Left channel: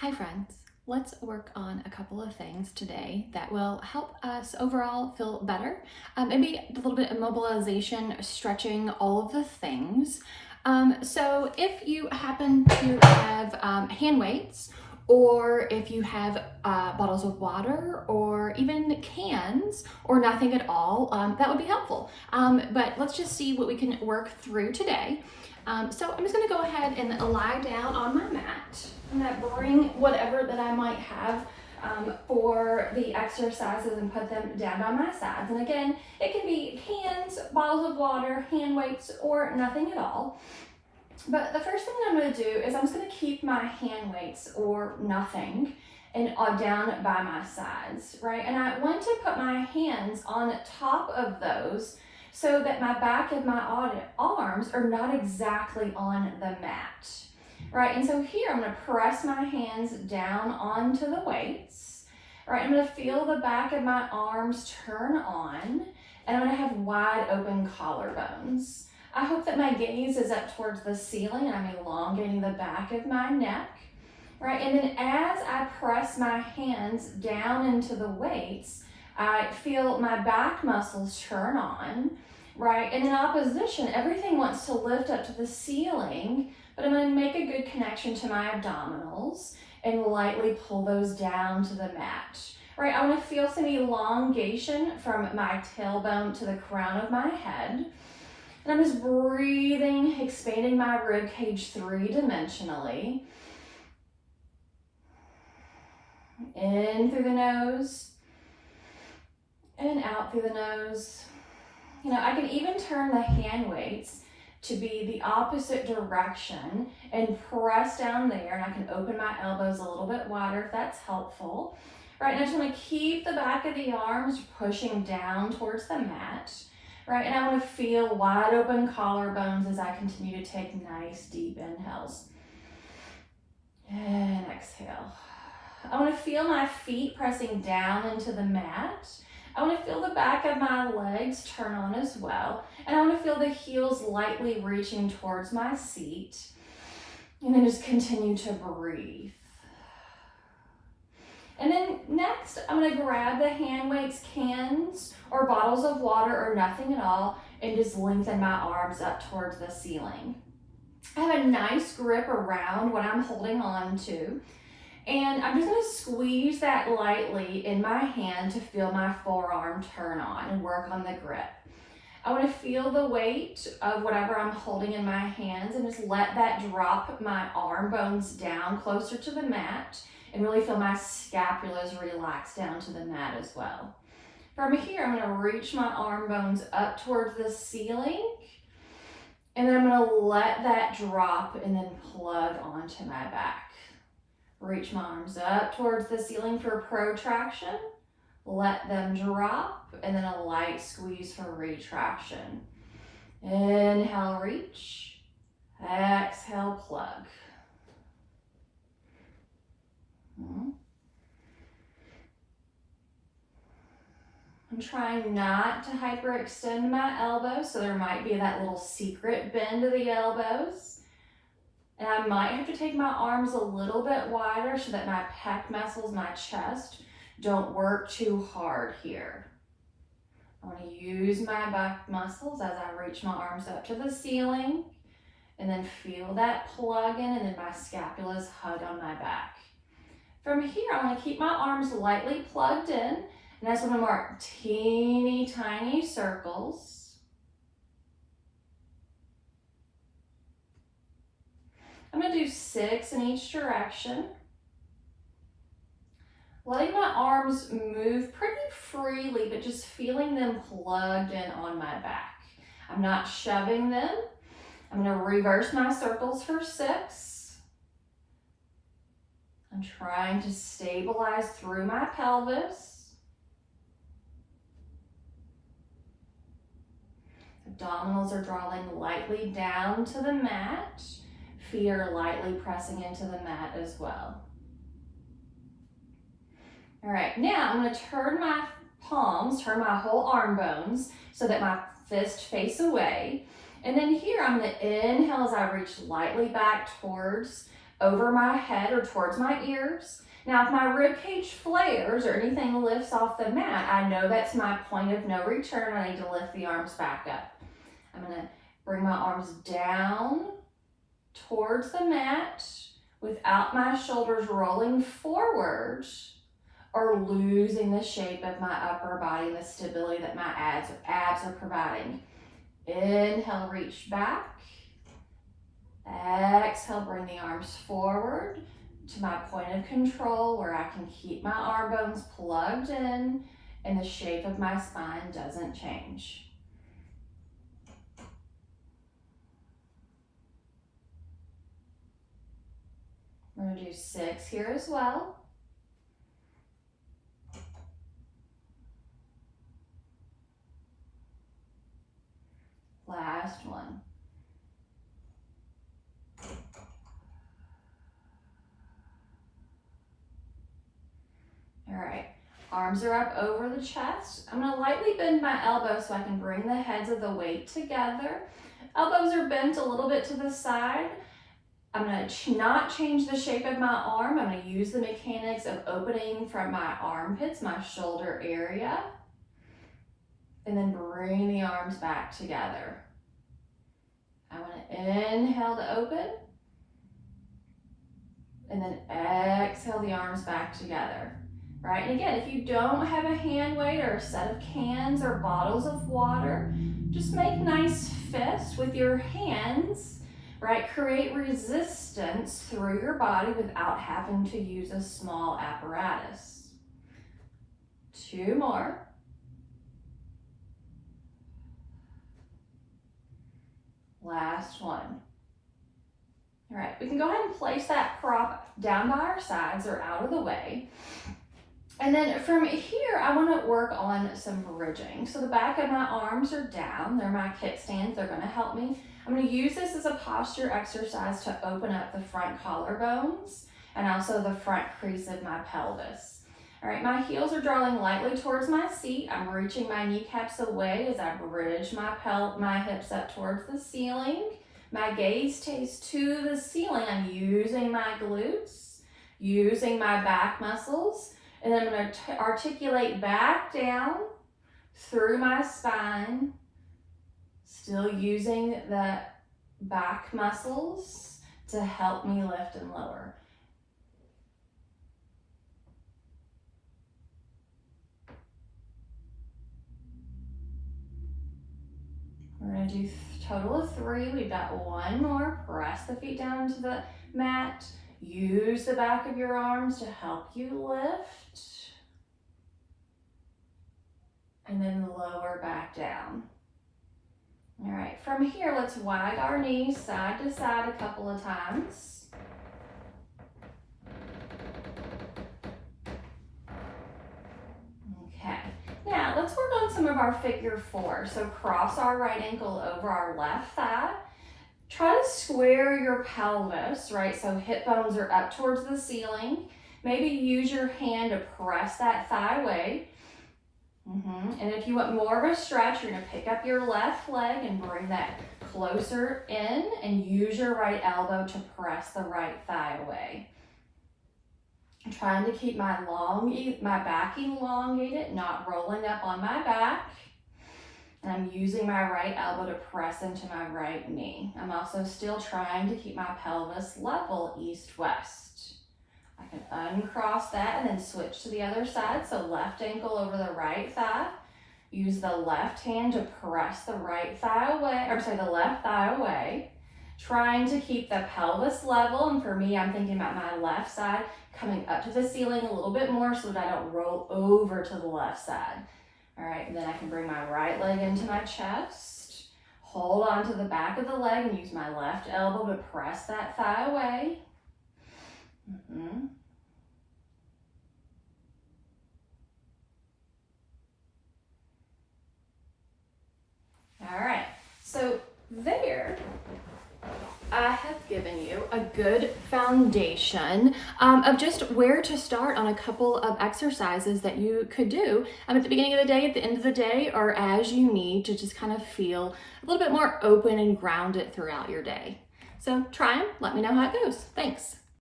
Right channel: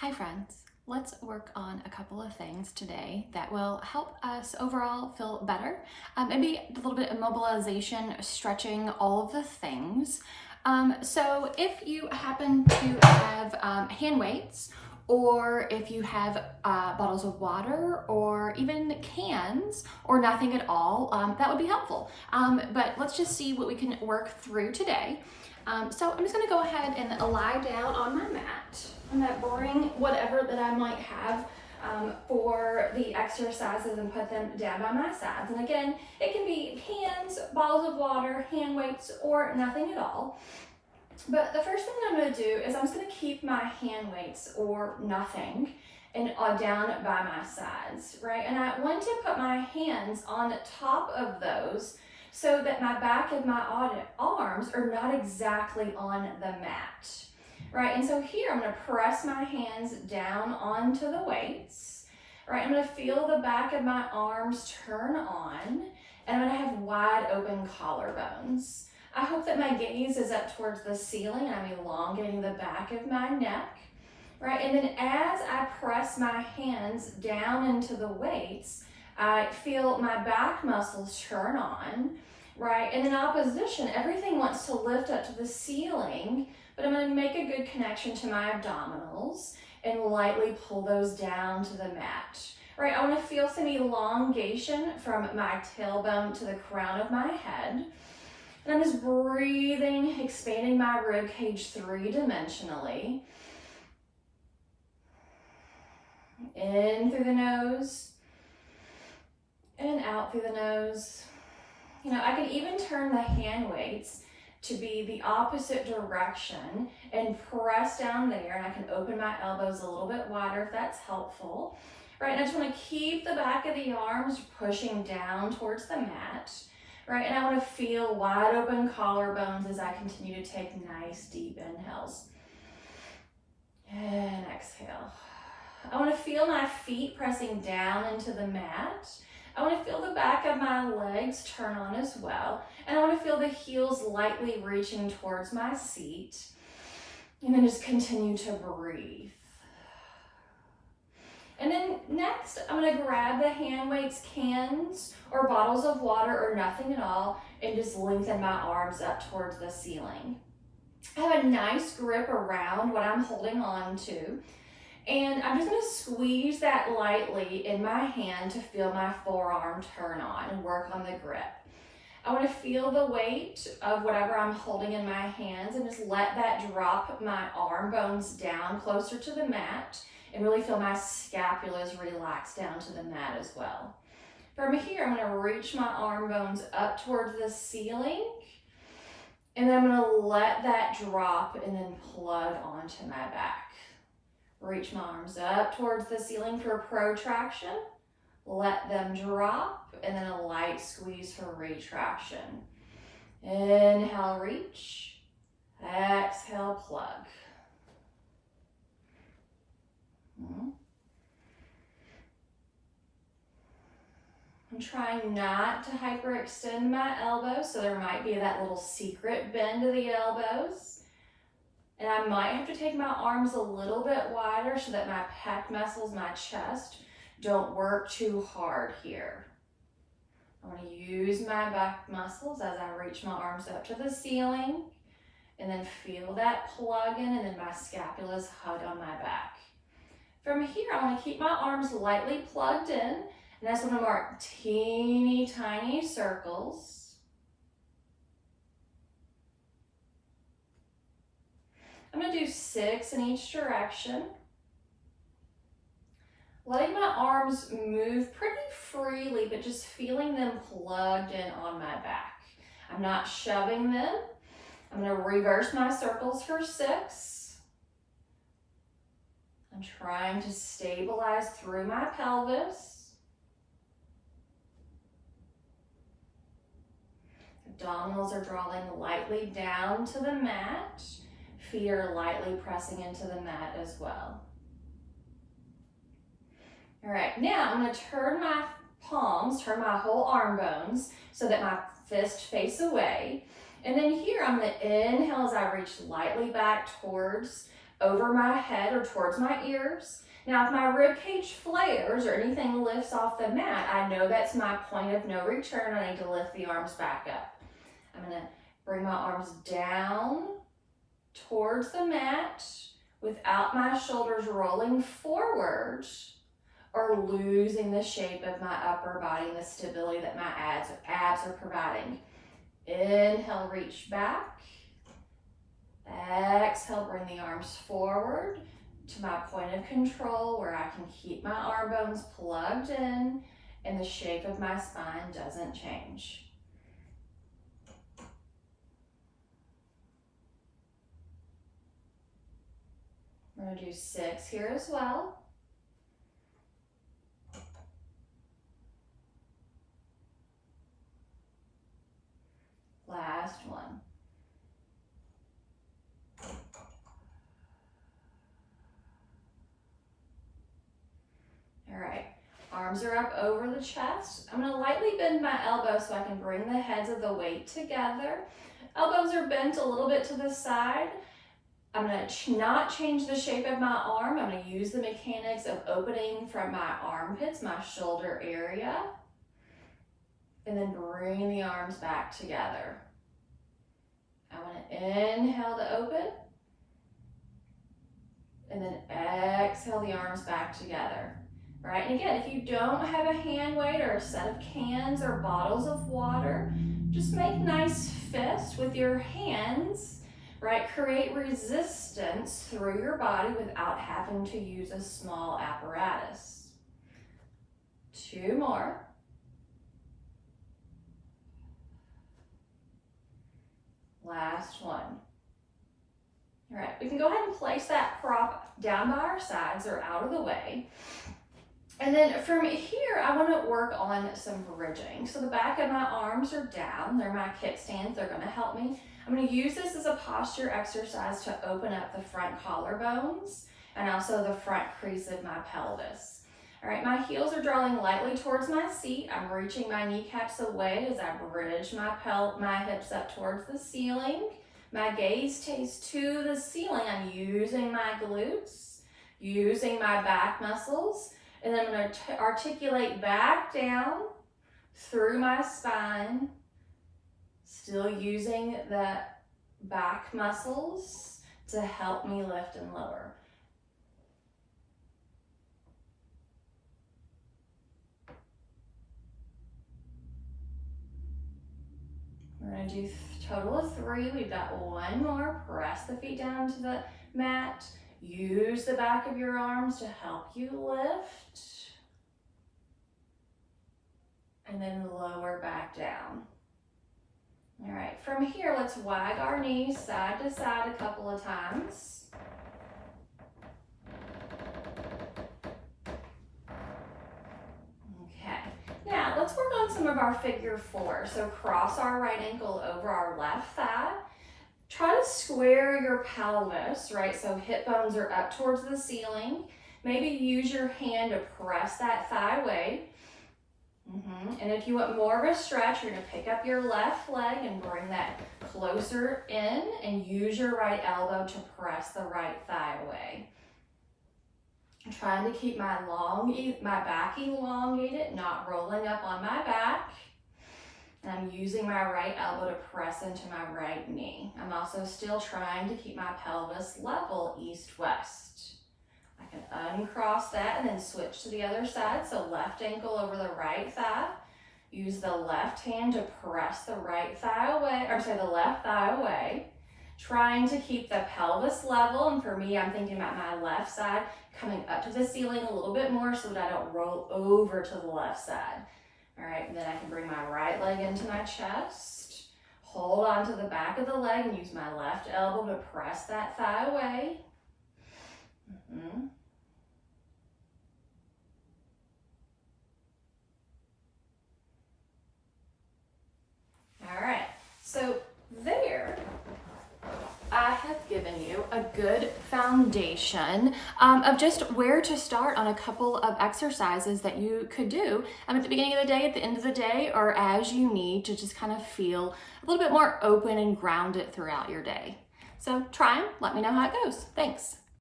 Hi friends, let's work on a couple of things today that will help us overall feel better. Maybe a little bit of mobilization, stretching, all of the things. So if you happen to have hand weights, or if you have bottles of water or even cans or nothing at all, that would be helpful. But let's just see what we can work through today. So I'm just gonna go ahead and lie down on my mat. I'm gonna bring whatever that I might have for the exercises and put them down by my sides. And again, it can be cans, bottles of water, hand weights, or nothing at all. But the first thing I'm going to do is I'm just going to keep my hand weights or nothing and down by my sides, right? And I want to put my hands on top of those so that my back and my arms are not exactly on the mat, right? And so here I'm going to press my hands down onto the weights, right? I'm going to feel the back of my arms turn on, and I'm going to have wide open collarbones. I hope that my gaze is up towards the ceiling and I'm elongating the back of my neck, right? And then as I press my hands down into the weights, I feel my back muscles turn on, right? And in opposition, everything wants to lift up to the ceiling, but I'm going to make a good connection to my abdominals and lightly pull those down to the mat, right? I want to feel some elongation from my tailbone to the crown of my head. And I'm just breathing, expanding my rib cage three-dimensionally. In through the nose and out through the nose. You know, I can even turn the hand weights to be the opposite direction and press down there, and I can open my elbows a little bit wider if that's helpful. Right, and I just want to keep the back of the arms pushing down towards the mat. Right, and I want to feel wide open collarbones as I continue to take nice deep inhales. And exhale. I want to feel my feet pressing down into the mat. I want to feel the back of my legs turn on as well. And I want to feel the heels lightly reaching towards my seat. And then just continue to breathe. And then next, I'm going to grab the hand weights, cans, or bottles of water, or nothing at all, and just lengthen my arms up towards the ceiling. I have a nice grip around what I'm holding on to, and I'm just going to squeeze that lightly in my hand to feel my forearm turn on and work on the grip. I want to feel the weight of whatever I'm holding in my hands and just let that drop my arm bones down closer to the mat and really feel my scapulas relax down to the mat as well. From here, I'm going to reach my arm bones up towards the ceiling, and then I'm going to let that drop and then plug onto my back. Reach my arms up towards the ceiling for protraction, let them drop, and then a light squeeze for retraction. Inhale, reach. Exhale, plug. I'm trying not to hyperextend my elbows, so there might be that little secret bend of the elbows. And I might have to take my arms a little bit wider so that my pec muscles, my chest, don't work too hard here. I want to use my back muscles as I reach my arms up to the ceiling, and then feel that plug in, and then my scapulas hug on my back. From here, I want to keep my arms lightly plugged in, and I just want to mark teeny tiny circles. I'm going to do 6 in each direction. Letting my arms move pretty freely, but just feeling them plugged in on my back. I'm not shoving them. I'm going to reverse my circles for 6. I'm trying to stabilize through my pelvis. Abdominals are drawing lightly down to the mat. Feet are lightly pressing into the mat as well. All right, now I'm going to turn my palms, turn my whole arm bones so that my fists face away. And then here I'm going to inhale as I reach lightly back towards over my head or towards my ears. Now, if my rib cage flares or anything lifts off the mat, I know that's my point of no return. I need to lift the arms back up. I'm gonna bring my arms down towards the mat without my shoulders rolling forward or losing the shape of my upper body and the stability that my abs are providing. Inhale, reach back. Exhale, bring the arms forward to my point of control where I can keep my arm bones plugged in and the shape of my spine doesn't change. We're going to do 6 here as well. Last one. All right, arms are up over the chest. I'm going to lightly bend my elbows so I can bring the heads of the weight together. Elbows are bent a little bit to the side. I'm going to not change the shape of my arm. I'm going to use the mechanics of opening from my armpits, my shoulder area, and then bring the arms back together. I want to inhale to open, and then exhale the arms back together. Right, and again, if you don't have a hand weight or a set of cans or bottles of water, just make nice fists with your hands, right? Create resistance through your body without having to use a small apparatus. 2 more. Last one. All right, we can go ahead and place that prop down by our sides or out of the way. And then from here, I want to work on some bridging. So the back of my arms are down. They're my kickstands. They're going to help me. I'm going to use this as a posture exercise to open up the front collarbones and also the front crease of my pelvis. All right, my heels are drawing lightly towards my seat. I'm reaching my kneecaps away as I bridge my hips up towards the ceiling. My gaze stays to the ceiling. I'm using my glutes, using my back muscles. And then I'm going to articulate back down through my spine, still using the back muscles to help me lift and lower. We're going to do a total of 3. We've got 1 more. Press the feet down into the mat. Use the back of your arms to help you lift. And then lower back down. All right, from here, let's wag our knees side to side a couple of times. Okay, now let's work on some of our figure 4. So cross our right ankle over our left thigh. Try to square your pelvis, right? So hip bones are up towards the ceiling. Maybe use your hand to press that thigh away. And if you want more of a stretch, you're going to pick up your left leg and bring that closer in and use your right elbow to press the right thigh away. I'm trying to keep my back elongated, not rolling up on my back. And I'm using my right elbow to press into my right knee. I'm also still trying to keep my pelvis level east-west. I can uncross that and then switch to the other side. So left ankle over the right thigh. Use the left hand to press the right thigh away, the left thigh away. Trying to keep the pelvis level. And for me, I'm thinking about my left side coming up to the ceiling a little bit more so that I don't roll over to the left side. All right, and then I can bring my right leg into my chest. Hold on to the back of the leg and use my left elbow to press that thigh away. All right, so there I have given you a good foundation of just where to start on a couple of exercises that you could do at the beginning of the day, at the end of the day, or as you need to just kind of feel a little bit more open and grounded throughout your day. So try them, let me know how it goes. Thanks.